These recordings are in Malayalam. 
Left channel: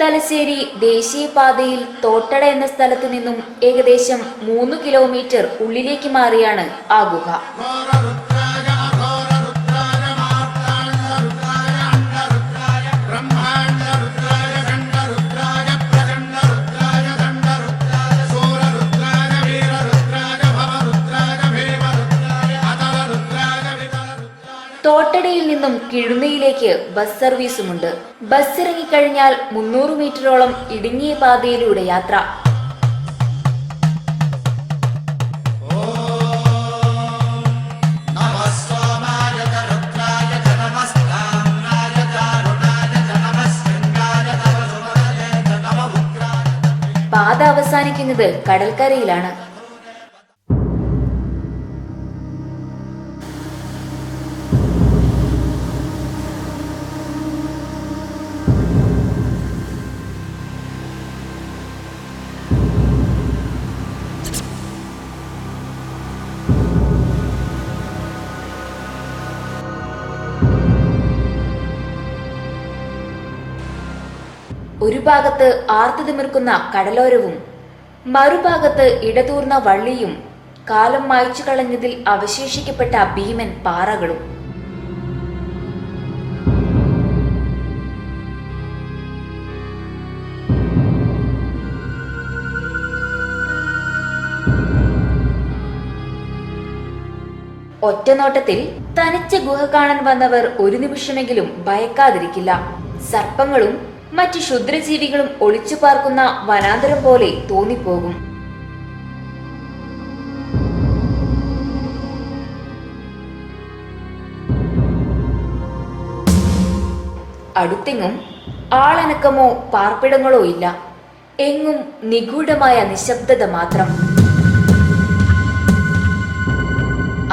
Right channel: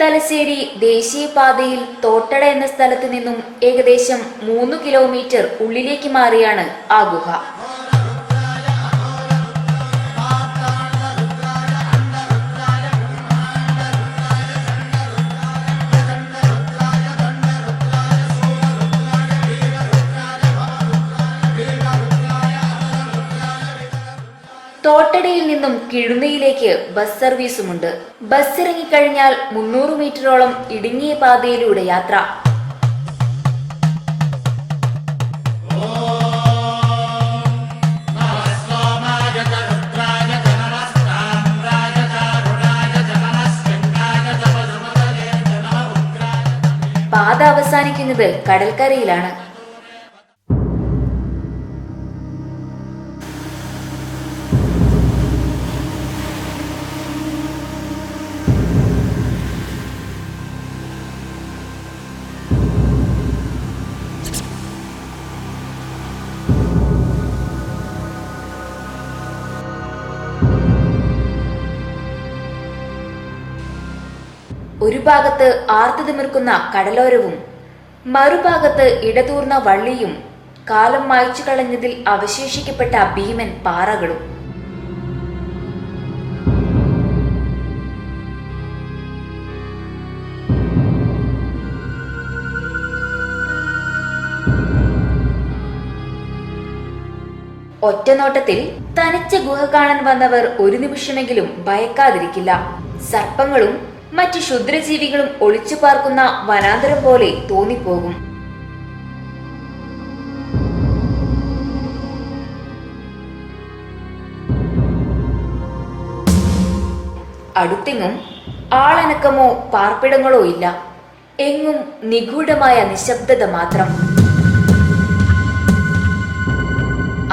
തലശ്ശേരി ദേശീയപാതയിൽ തോട്ടട എന്ന സ്ഥലത്ത് നിന്നും ഏകദേശം 3 കിലോമീറ്റർ ഉള്ളിലേക്ക് മാറിയാണ് ആ ഗുഹ. തോട്ടടയിൽ നിന്നും കിഴുന്നയിലേക്ക് ബസ് സർവീസുമുണ്ട്. ബസ് ഇറങ്ങിക്കഴിഞ്ഞാൽ 300 മീറ്ററോളം ഇടുങ്ങിയ പാതയിലൂടെ യാത്ര. പാത അവസാനിക്കുന്നത് കടൽക്കരയിലാണ്. ഒരു ഭാഗത്ത് ആർത്തുതിമിർക്കുന്ന കടലോരവും മറുഭാഗത്ത് ഇടതൂർന്ന വള്ളിയും കാലം മായ്ച്ചു കളഞ്ഞതിൽ അവശേഷിക്കപ്പെട്ട ഭീമൻ പാറകളും. ഒറ്റനോട്ടത്തിൽ തനിച്ച ഗുഹ കാണാൻ വന്നവർ ഒരു നിമിഷമെങ്കിലും ഭയക്കാതിരിക്കില്ല. സർപ്പങ്ങളും മറ്റു ക്ഷുദ്രജീവികളും ഒളിച്ചു പാർക്കുന്ന വനാന്തരം പോലെ തോന്നിപ്പോകും. അടുത്തെങ്ങും ആളനക്കമോ പാർപ്പിടങ്ങളോ ഇല്ല. എങ്ങും നിഗൂഢമായ നിശബ്ദത മാത്രം.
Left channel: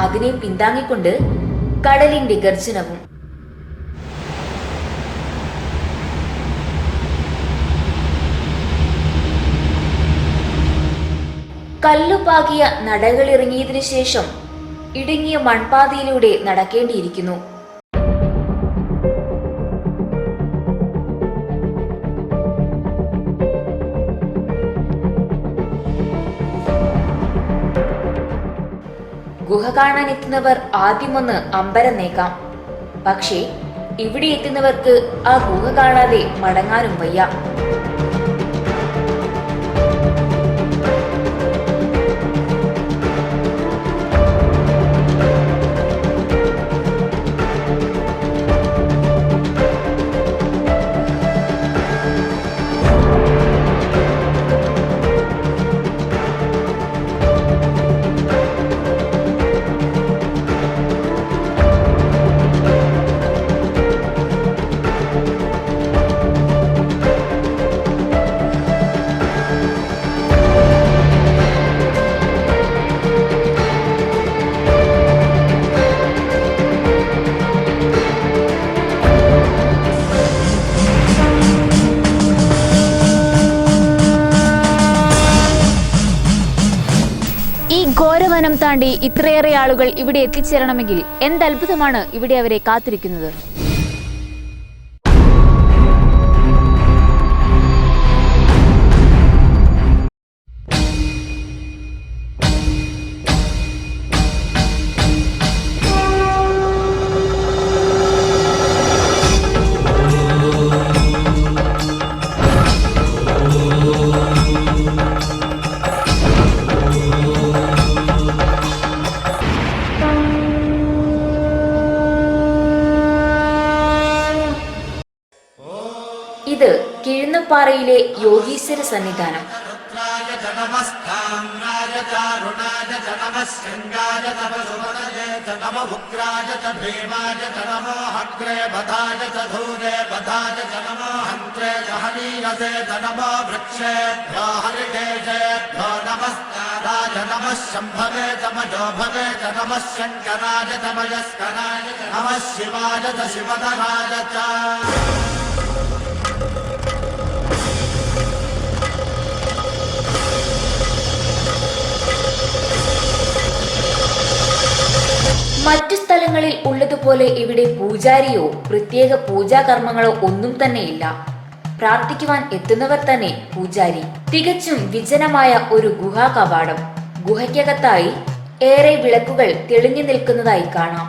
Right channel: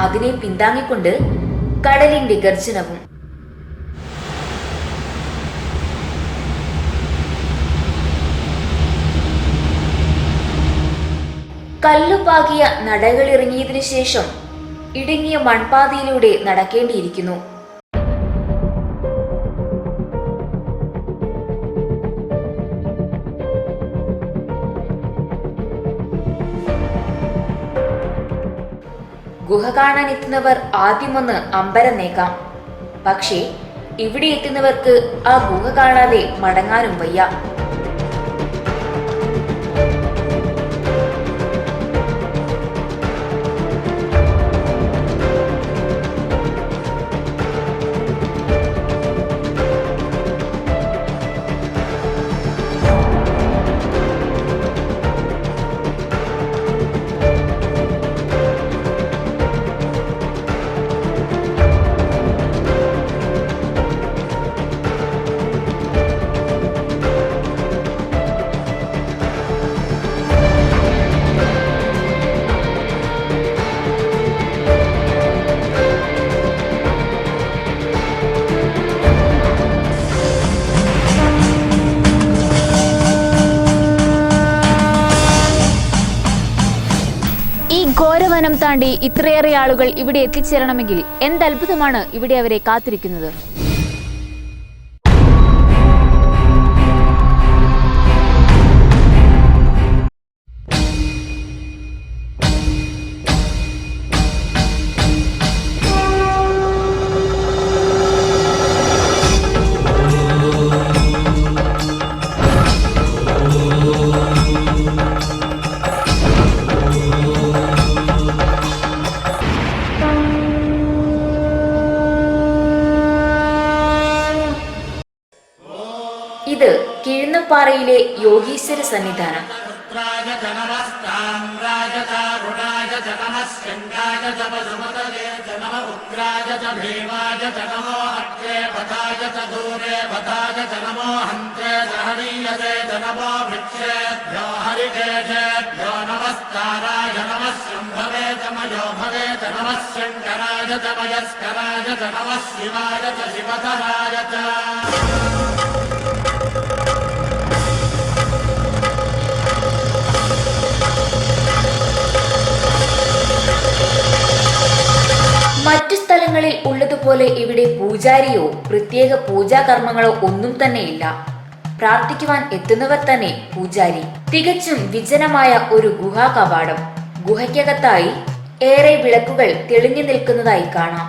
അതിനെ പിന്താങ്ങിക്കൊണ്ട് കടലിന്റെ ഗർജനവും. കല്ലുപാകിയ നടകളിറങ്ങിയതിനു ശേഷം ഇടുങ്ങിയ മൺപാതയിലൂടെ നടക്കേണ്ടിയിരിക്കുന്നു. ഗുഹ കാണാനെത്തുന്നവർ ആദ്യമൊന്ന് അമ്പരന്നേക്കാം. പക്ഷേ ഇവിടെ എത്തുന്നവർക്ക് ആ ഗുഹ കാണാതെ മടങ്ങാനും വയ്യ. ഇത് കിഴുന്നപ്പാറയിലെ യോഗീശ്വര സന്നിധാനം. മറ്റു സ്ഥലങ്ങളിൽ ഉള്ളതുപോലെ ഇവിടെ പൂജാരിയോ പ്രത്യേക പൂജാകർമ്മങ്ങളോ ഒന്നും തന്നെയില്ല. പ്രാർത്ഥിക്കുവാൻ എത്തുന്നവർ തന്നെ പൂജാരി. തികച്ചും വിജനമായ ഒരു ഗുഹാ കവാടം. ഗുഹയ്ക്കകത്തായി ഏറെ വിളക്കുകൾ തെളിഞ്ഞു നിൽക്കുന്നതായി കാണാം.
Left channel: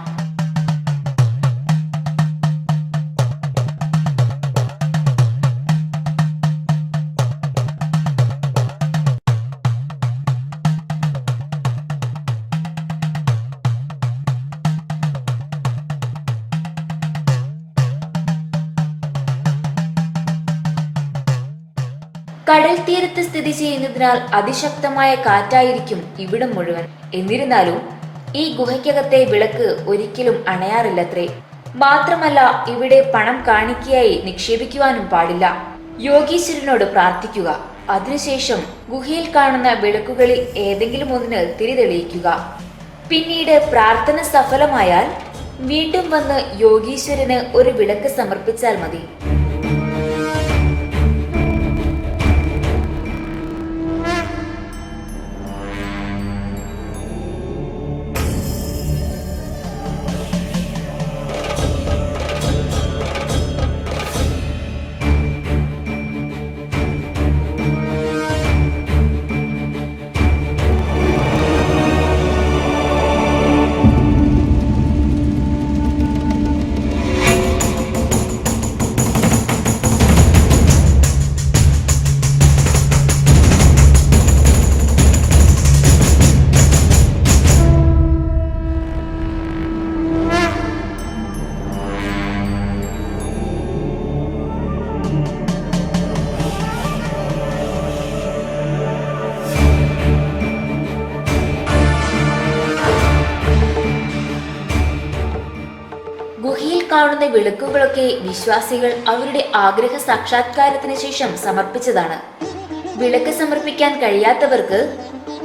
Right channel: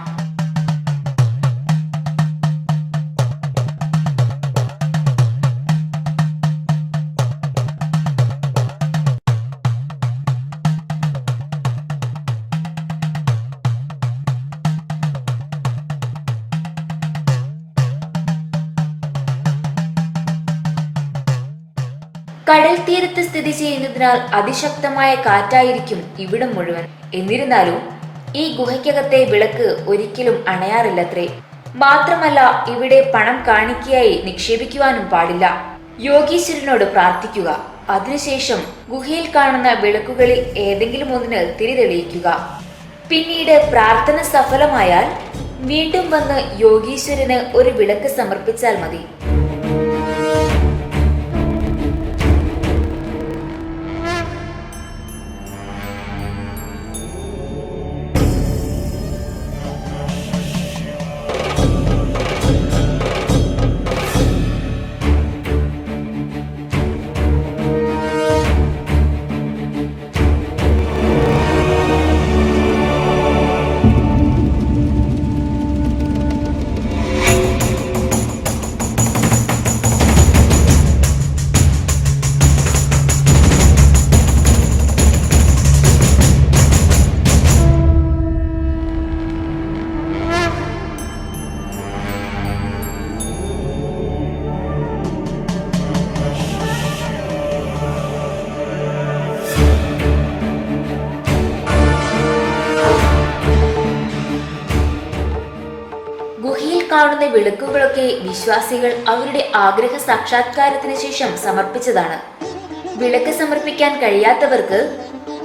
കടൽ തീരത്ത് സ്ഥിതി ചെയ്യുന്നതിനാൽ അതിശക്തമായ കാറ്റായിരിക്കും ഇവിടം മുഴുവൻ. എന്നിരുന്നാലും ഈ ഗുഹയ്ക്കകത്തെ വിളക്ക് ഒരിക്കലും അണയാറില്ലത്രേ. മാത്രമല്ല, ഇവിടെ പണം കാണിക്കയായി നിക്ഷേപിക്കുവാനും പാടില്ല. യോഗീശ്വരനോട് പ്രാർത്ഥിക്കുക. അതിനുശേഷം ഗുഹയിൽ കാണുന്ന വിളക്കുകളിൽ ഏതെങ്കിലും ഒന്നിന് തിരി തെളിയിക്കുക. പിന്നീട് പ്രാർത്ഥന സഫലമായാൽ വീണ്ടും വന്ന് യോഗീശ്വരന് ഒരു വിളക്ക് സമർപ്പിച്ചാൽ മതി. ഗുഹയിൽ കാണുന്ന വിളക്കുകളൊക്കെ വിശ്വാസികൾ അവരുടെ ആഗ്രഹ സാക്ഷാത്കാരത്തിന് ശേഷം സമർപ്പിച്ചതാണ്. വിളക്ക് സമർപ്പിക്കാൻ കഴിയാത്തവർക്ക്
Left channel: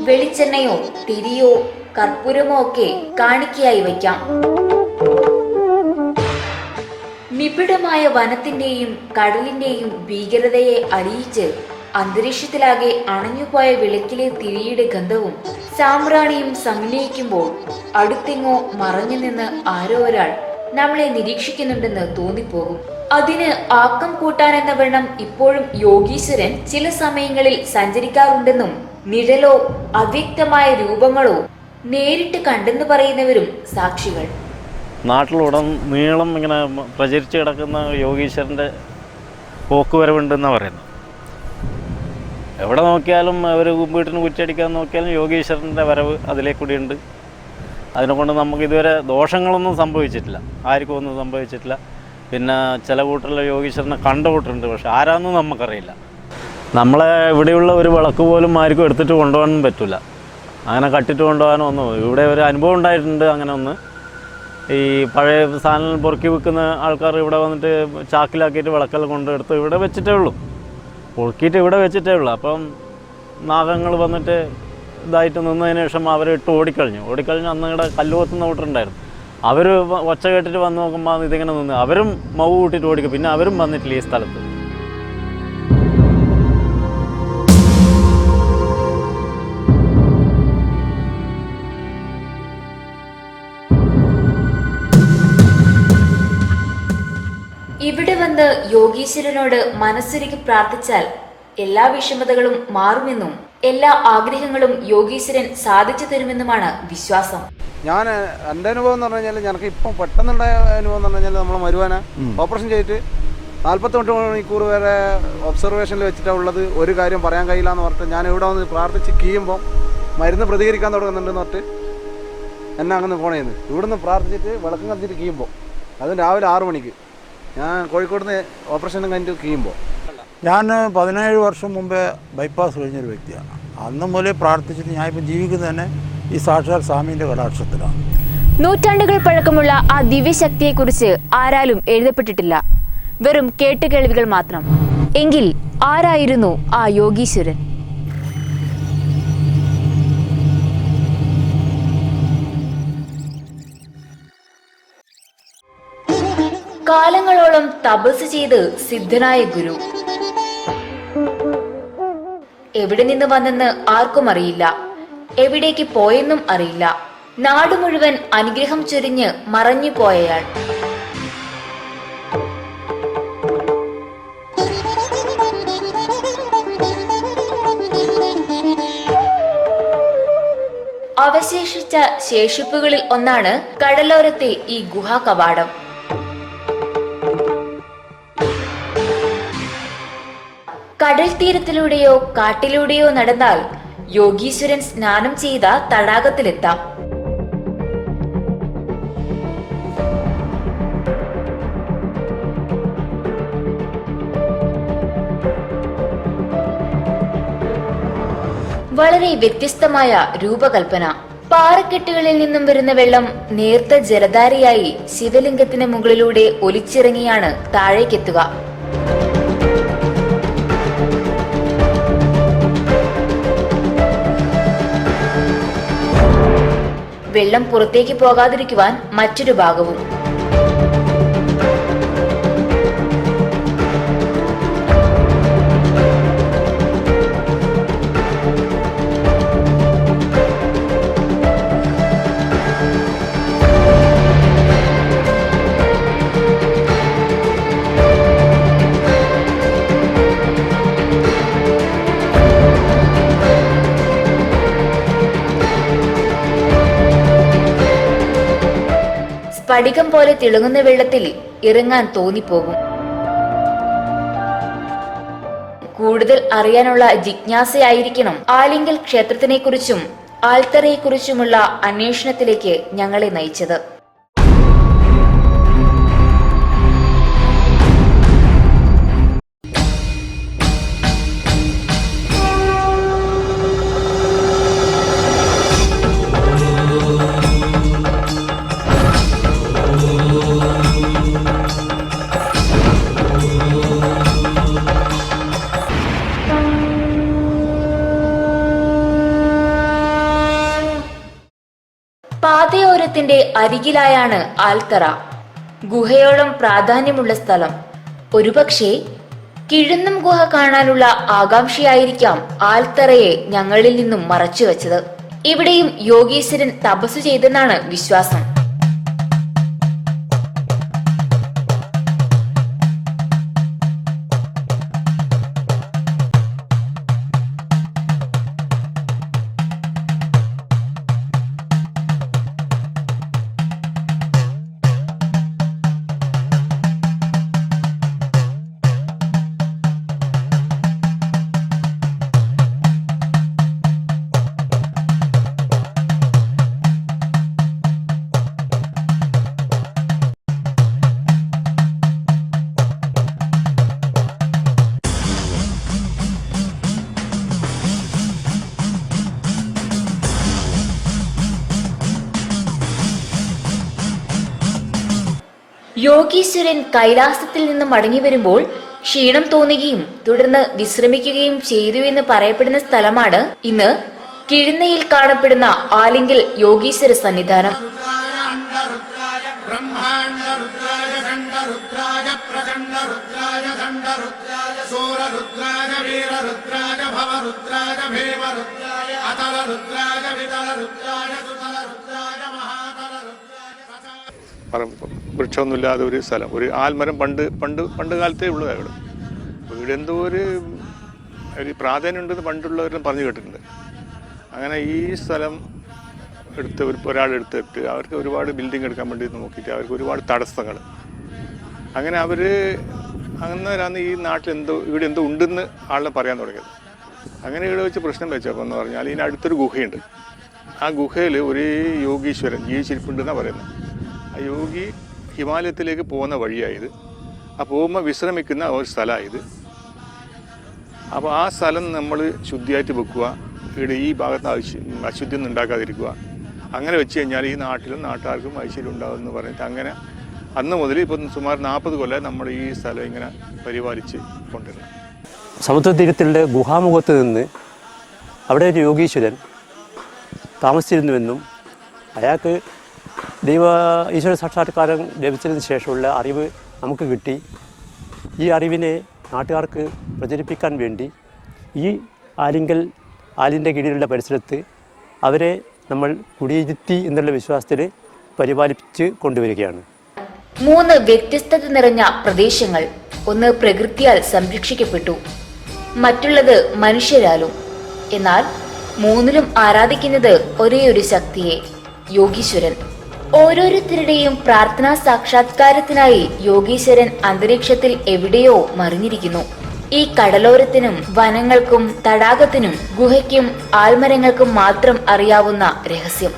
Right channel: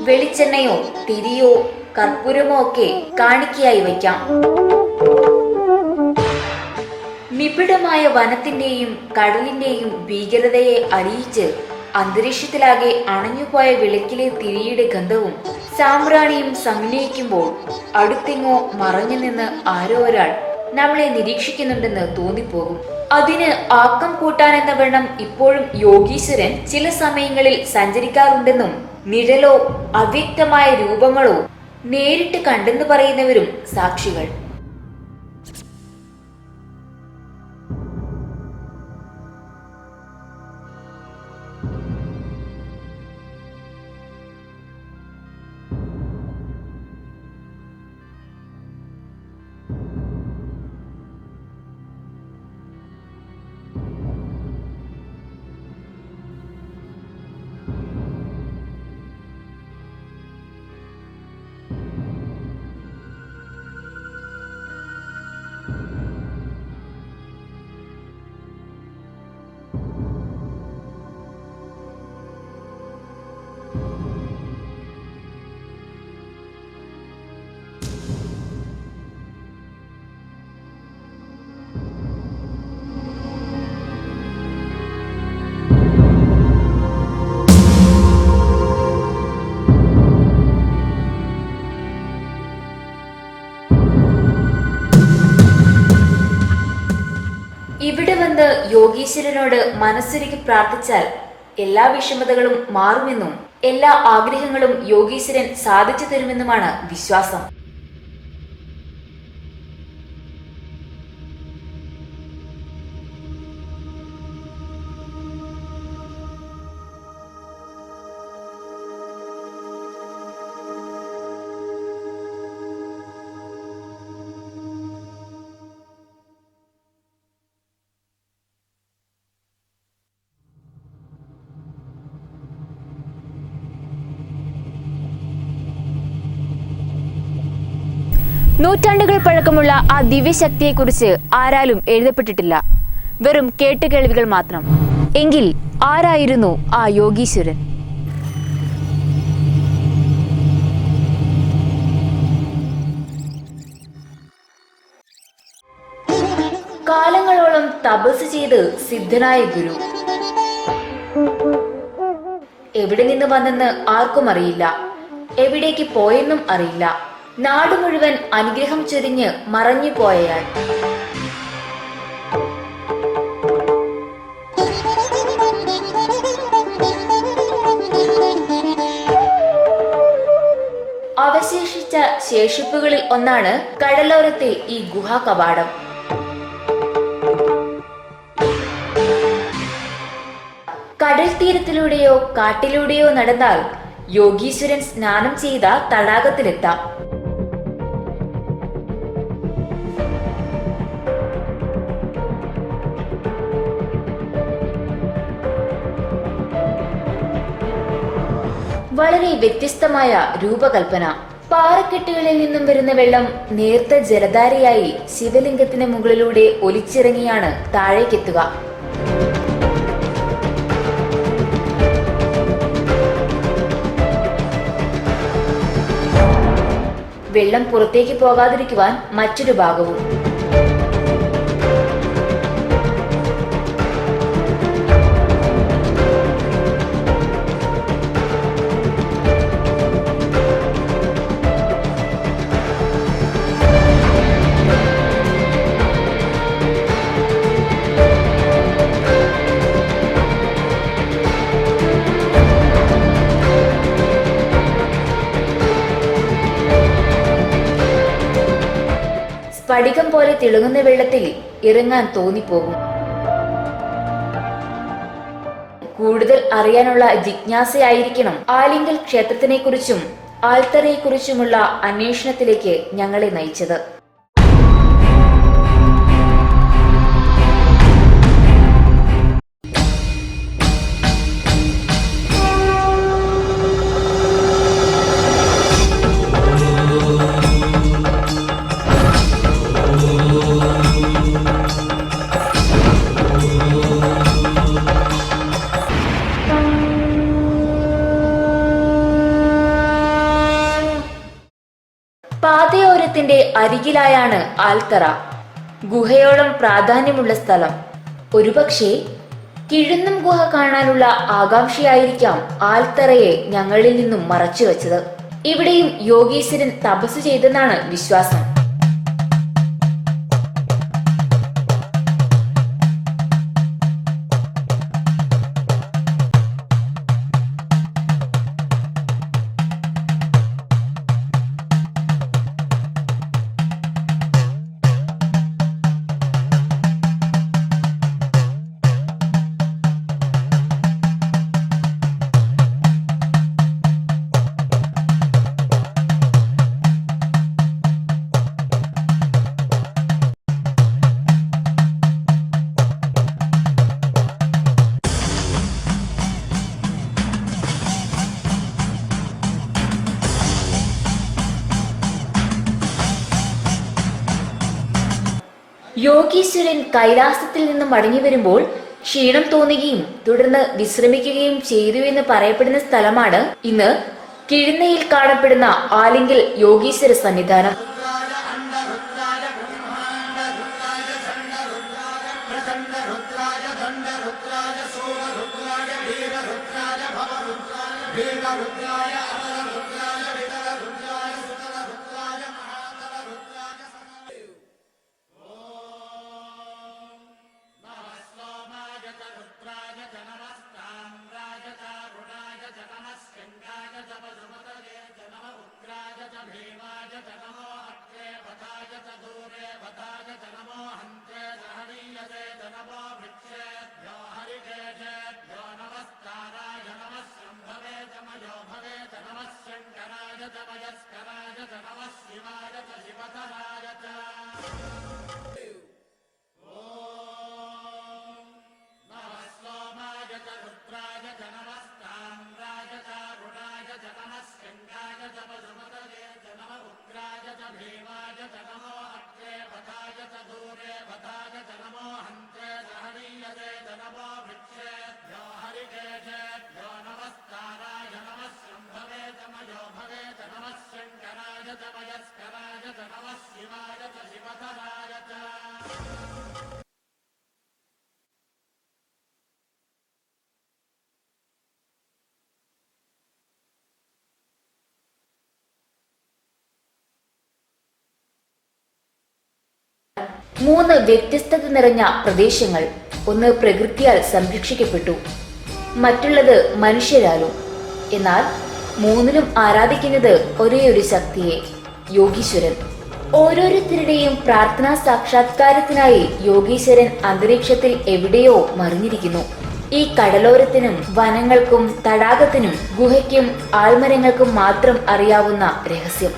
വെളിച്ചെണ്ണയോ തിരിയോ കർപ്പൂരമോ ഒക്കെ കാണിക്കയായി വയ്ക്കാം. നിബിഡമായ വനത്തിന്റെയും കടലിന്റെയും ഭീകരതയെ അറിയിച്ച് അന്തരീക്ഷത്തിലാകെ അണഞ്ഞുപോയ വിളക്കിലെ തിരിയുടെ ഗന്ധവും സാമ്പ്രാണിയും സമന്വയിക്കുമ്പോൾ അടുത്തെങ്ങോ മറഞ്ഞു നിന്ന് ആരോ ഒരാൾ നമ്മളെ നിരീക്ഷിക്കുന്നുണ്ടെന്ന് തോന്നിപ്പോകും. അതിന് ആക്കം കൂട്ടാനെന്ന വണ്ണം ഇപ്പോഴും യോഗീശ്വരൻ ചില സമയങ്ങളിൽ സഞ്ചരിക്കാറുണ്ടെന്നും നിഴലോ അവ്യക്തമായ രൂപങ്ങളോ നേരിട്ട് കണ്ടെന്ന് പറയുന്നവരും സാക്ഷികൾ. നാട്ടിലുടൻ നീളം ഇങ്ങനെ പ്രചരിച്ചു കിടക്കുന്ന യോഗീശ്വരൻ്റെ പോക്കുവരവുണ്ടെന്നാണ് പറയുന്നത്. എവിടെ നോക്കിയാലും അവർ വീട്ടിന് കുറ്റടിക്കാൻ നോക്കിയാലും യോഗീശ്വരൻ്റെ വരവ് അതിലേ കൂടിയുണ്ട്. അതിനെക്കൊണ്ട് നമുക്ക് ഇതുവരെ ദോഷങ്ങളൊന്നും സംഭവിച്ചിട്ടില്ല, ആർക്കും ഒന്നും സംഭവിച്ചിട്ടില്ല. പിന്നെ ചില കൂട്ടറിൽ യോഗീശ്വരനെ കണ്ട കൂട്ടറുണ്ട്, പക്ഷെ ആരാന്നും നമുക്കറിയില്ല. നമ്മളെ ഇവിടെയുള്ള ഒരു വിളക്ക് പോലും ആർക്കും എടുത്തിട്ട് കൊണ്ടുപോകാനും പറ്റില്ല, അങ്ങനെ കട്ടിട്ട് കൊണ്ടുപോകാനോ ഒന്നും. ഇവിടെ ഒരു അനുഭവം ഉണ്ടായിട്ടുണ്ട്. അങ്ങനെ ഒന്ന് ഈ പഴയ സാധനങ്ങൾ പൊറുക്കി വെക്കുന്ന ആൾക്കാർ ഇവിടെ വന്നിട്ട് ചാക്കിലാക്കിയിട്ട് വിളക്കെല്ലാം കൊണ്ടെടുത്ത് ഇവിടെ വെച്ചിട്ടേ ഉള്ളൂ, പൊറുക്കിയിട്ട് ഇവിടെ വെച്ചിട്ടേ ഉള്ളൂ. അപ്പം നാഗങ്ങൾ വന്നിട്ട് ഇതായിട്ട് നിന്നതിന് ശേഷം അവർ ഇട്ട് ഓടിക്കഴിഞ്ഞു. അന്ന് ഇവിടെ കല്ലുകൊത്തുന്ന കൂട്ടറുണ്ടായിരുന്നു. അവർ ഒച്ച കേട്ടിട്ട് വന്ന് നോക്കുമ്പോൾ ഇതിങ്ങനെ നിന്ന് അവരും മൗ കൂട്ടിയിട്ട് ഓടിക്കും. പിന്നെ അവരും വന്നിട്ടില്ല ഈ സ്ഥലത്ത്. ഇവിടെ വന്ന് യോഗീശ്വരനോട് മനസ്സൊരുക്കി പ്രാർത്ഥിച്ചാൽ എല്ലാ വിഷമതകളും മാറുമെന്നും എല്ലാ ആഗ്രഹങ്ങളും യോഗീശ്വരൻ സാധിച്ചു തരുമെന്നുമാണ് വിശ്വാസം. എൻ്റെ അനുഭവം എന്ന് പറഞ്ഞു കഴിഞ്ഞാൽ ഞങ്ങൾക്ക് ഇപ്പം പെട്ടെന്നുണ്ടായ അനുഭവം എന്ന് പറഞ്ഞു കഴിഞ്ഞാൽ നമ്മൾ മരുവാന ഓപ്പറേഷൻ ചെയ്തിട്ട് 48 മണിക്കൂർ വരെ ഒബ്സർവേഷനിൽ വെച്ചിട്ടാണ് ഉള്ളത്. ഒരു കാര്യം പറയാൻ കഴിയില്ല എന്ന് പറഞ്ഞിട്ട് ഞാൻ ഇവിടെ വന്ന് പ്രാർത്ഥിച്ച് കീയുമ്പോൾ മരുന്ന് പ്രതികരിക്കാൻ തുടങ്ങുന്നുണ്ടെന്ന് പറഞ്ഞിട്ട് എന്നെ അങ്ങനെ ഫോൺ ചെയ്യുന്നത്. ഇവിടുന്ന് പ്രാർത്ഥിച്ചിട്ട് വിളക്കം കത്തിയിട്ട് കീയുമ്പോൾ അതും രാവിലെ 6 മണിക്ക് ഞാൻ കോഴിക്കോട് നിന്ന് ഓപ്പറേഷനും കഴിഞ്ഞിട്ട് കീയുമ്പോൾ. ഞാൻ 17 വർഷം മുമ്പേ ബൈപ്പാസ് കഴിഞ്ഞൊരു വ്യക്തിയാണ്. അന്ന് മുതലേ പ്രാർത്ഥിച്ചിട്ട് ഞാനിപ്പോൾ ജീവിക്കുന്നത് തന്നെ ഈ സാക്ഷാൽ സ്വാമീൻ്റെ കടാക്ഷത്തിലാണ്. കാലങ്ങളോളം തപസ് ചെയ്ത് സിദ്ധനായ ഗുരു എവിടെ നിന്ന് വന്നെന്ന് ആർക്കും അറിയില്ല, എവിടേക്ക് പോയെന്നും അറിയില്ല. നാട് മുഴുവൻ അനുഗ്രഹം ചൊരിഞ്ഞ് മറഞ്ഞു പോയയാൾ. അവശേഷിച്ച ശേഷിപ്പുകളിൽ ഒന്നാണ് കടലോരത്തെ ഈ ഗുഹാ കവാടം. കടൽ തീരത്തിലൂടെയോ കാട്ടിലൂടെയോ നടന്നാൽ യോഗീശ്വരൻ സ്നാനം ചെയ്ത തടാകത്തിലെത്താം. വളരെ വ്യത്യസ്തമായ രൂപകൽപ്പന. പാറക്കെട്ടുകളിൽ നിന്നും വരുന്ന വെള്ളം നേർത്ത ജലധാരയായി ശിവലിംഗത്തിന് മുകളിലൂടെ ഒലിച്ചിറങ്ങിയാണ് താഴേക്കെത്തുക. വെള്ളം പുറത്തേക്ക് പോകാതിരിക്കുവാൻ മറ്റൊരു ഭാഗവും. സ്ഫടികം പോലെ തിളങ്ങുന്ന വെള്ളത്തിൽ ഇറങ്ങാൻ തോന്നിപ്പോകും. കൂടുതൽ അറിയാനുള്ള ജിജ്ഞാസയായിരിക്കണം ആലിംഗൽ ക്ഷേത്രത്തിനെക്കുറിച്ചും ആൽത്തറയെക്കുറിച്ചുമുള്ള അന്വേഷണത്തിലേക്ക് ഞങ്ങളെ നയിച്ചത്. പാതയോരത്തിന്റെ അരികിലായാണ് ആൽത്തറ. ഗുഹയോളം പ്രാധാന്യമുള്ള സ്ഥലം. ഒരുപക്ഷെ കിഴുന്നം ഗുഹ കാണാനുള്ള ആകാംക്ഷയായിരിക്കാം ആൽത്തറയെ ഞങ്ങളിൽ നിന്നും മറച്ചുവെച്ചത്. ഇവിടെയും യോഗീശ്വരൻ തപസ്സു ചെയ്തെന്നാണ് വിശ്വാസം. യോഗീശ്വരൻ കൈലാസത്തിൽ നിന്ന് മടങ്ങി വരുമ്പോൾ ക്ഷീണം തോന്നുകയും തുടർന്ന് വിശ്രമിക്കുകയും ചെയ്തു എന്ന് പറയപ്പെടുന്ന സ്ഥലമാണ് ഇന്ന് കിഴുന്നയിൽ കാണപ്പെടുന്ന ആലിംഗൽ യോഗീശ്വര സന്നിധാനം. വൃക്ഷമൊന്നുമില്ലാതെ ഒരു സ്ഥലം, ഒരു ആൽമരം പണ്ട് കാലത്തേ ഉള്ളൂ. അവിടെ വീടെന്തോ ഒരു പ്രാധാന്യം ഉണ്ടെന്ന് പണ്ടുള്ളവരും പറഞ്ഞു കേട്ടിട്ടുണ്ട്. അങ്ങനെ ഈ സ്ഥലം ഒരാളെടുത്തിട്ട് അവർക്ക് ഒരുപാട് ബിൽഡിംഗ് എടുക്കാൻ വേണ്ടി നോക്കിയിട്ട് അവർക്ക് ഒരുപാട് തടസ്സങ്ങൾ. അങ്ങനെ അന്നേരമാണ് ഈ നാട്ടിൽ ഇവിടെ എന്തോ ഉണ്ടെന്ന് ആളെ പറയാൻ തുടങ്ങിയത്. അങ്ങനെ ഇവിടെ വെച്ച് പ്രശ്നം വെച്ചപ്പോൾ എന്ന് പറഞ്ഞാൽ ഇതിനടുത്തൊരു ഗുഹയുണ്ട്. ആ ഗുഹയിൽ ഒരു യോഗീശ്വരൻ ജീവിച്ചിരിപ്പുണ്ടെന്നാണ് പറയുന്നത്. ആ യോഗി ഹിമാലയത്തിലേക്ക് പോകുന്ന വഴിയായത്. ആ പോകുമ്പോൾ വിശ്രമിക്കുന്ന ഒരു സ്ഥലമായത്. അപ്പോൾ ആ സ്ഥലം നമ്മൾ ശുദ്ധിയായിട്ട് വെക്കുക, ഇവിടെ ഈ ഭാഗത്ത് അശുദ്ധി ഒന്നും ഉണ്ടാക്കാതിരിക്കുക. അങ്ങനെ വെച്ച് കഴിഞ്ഞാൽ ഈ നാട്ടിലും നാട്ടുകാർക്കും ഐശ്വര്യം ഉണ്ടാകുമെന്ന് പറഞ്ഞിട്ട് അങ്ങനെ അന്ന് മുതൽ ഇപ്പം സുമാർ 40 കൊല്ലം നമ്മൾ ഈ സ്ഥലം ഇങ്ങനെ പരിപാലിച്ച് കൊണ്ടുവരുന്നത്. സമുദ്രതീരത്തിൻ്റെ ഗുഹാമുഖത്ത് നിന്ന് അവിടെ ഒരു യോഗീശ്വരൻ താമസിച്ചിരുന്നുവെന്നും അയാൾക്ക് ഈശ്വര സാക്ഷാത്കാരം ലഭിച്ചതിന് ശേഷമുള്ള അറിവ് നമുക്ക് കിട്ടി. ഈ അറിവിനെ നാട്ടുകാർക്ക് പ്രചരിപ്പിക്കാൻ വേണ്ടി ഈ ആലിൻ്റെ കീഴിലുള്ള പരിസരത്ത് അവരെ നമ്മൾ കുടിയിരുത്തി എന്നുള്ള വിശ്വാസത്തിൽ പരിപാലിച്ച് കൊണ്ടുവരികയാണ്. 3 വ്യത്യസ്തത നിറഞ്ഞ പ്രദേശങ്ങൾ. ഒന്ന് പ്രകൃതിയാൽ സംരക്ഷിക്കപ്പെട്ടു, മറ്റുള്ളത് മനുഷ്യരാലും. എന്നാൽ മൂന്നിലും ആരാധിക്കുന്നത് ഒരേ ഒരു ശക്തിയെ, യോഗീശ്വരൻ. ഓരോരുത്തരുടെയും പ്രാർത്ഥനാ സാക്ഷാത്കാരത്തിനായി യോഗീശ്വരൻ അന്തരീക്ഷത്തിൽ എവിടെയോ മറിഞ്ഞിരിക്കുന്നു. ഈ കടലോരത്തിനും വനങ്ങൾക്കും തടാകത്തിനും ഗുഹയ്ക്കും ആൽമരങ്ങൾക്കും മാത്രം അറിയാവുന്ന രഹസ്യം.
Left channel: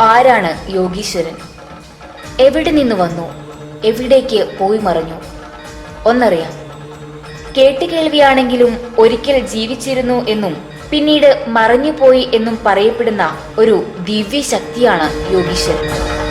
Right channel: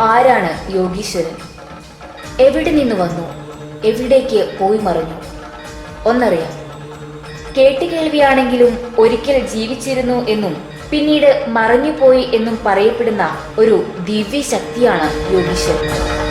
ആരാണ് യോഗീശ്വരൻ? എവിടെ നിന്ന് വന്നു? എവിടേക്ക് പോയി മറഞ്ഞു? ഒന്നറിയാം. കേട്ടുകേൾവിയാണെങ്കിലും ഒരിക്കൽ ജീവിച്ചിരുന്നു എന്നും പിന്നീട് മറഞ്ഞുപോയി എന്നും പറയപ്പെടുന്ന ഒരു ദിവ്യശക്തിയാണ് യോഗീശ്വരൻ.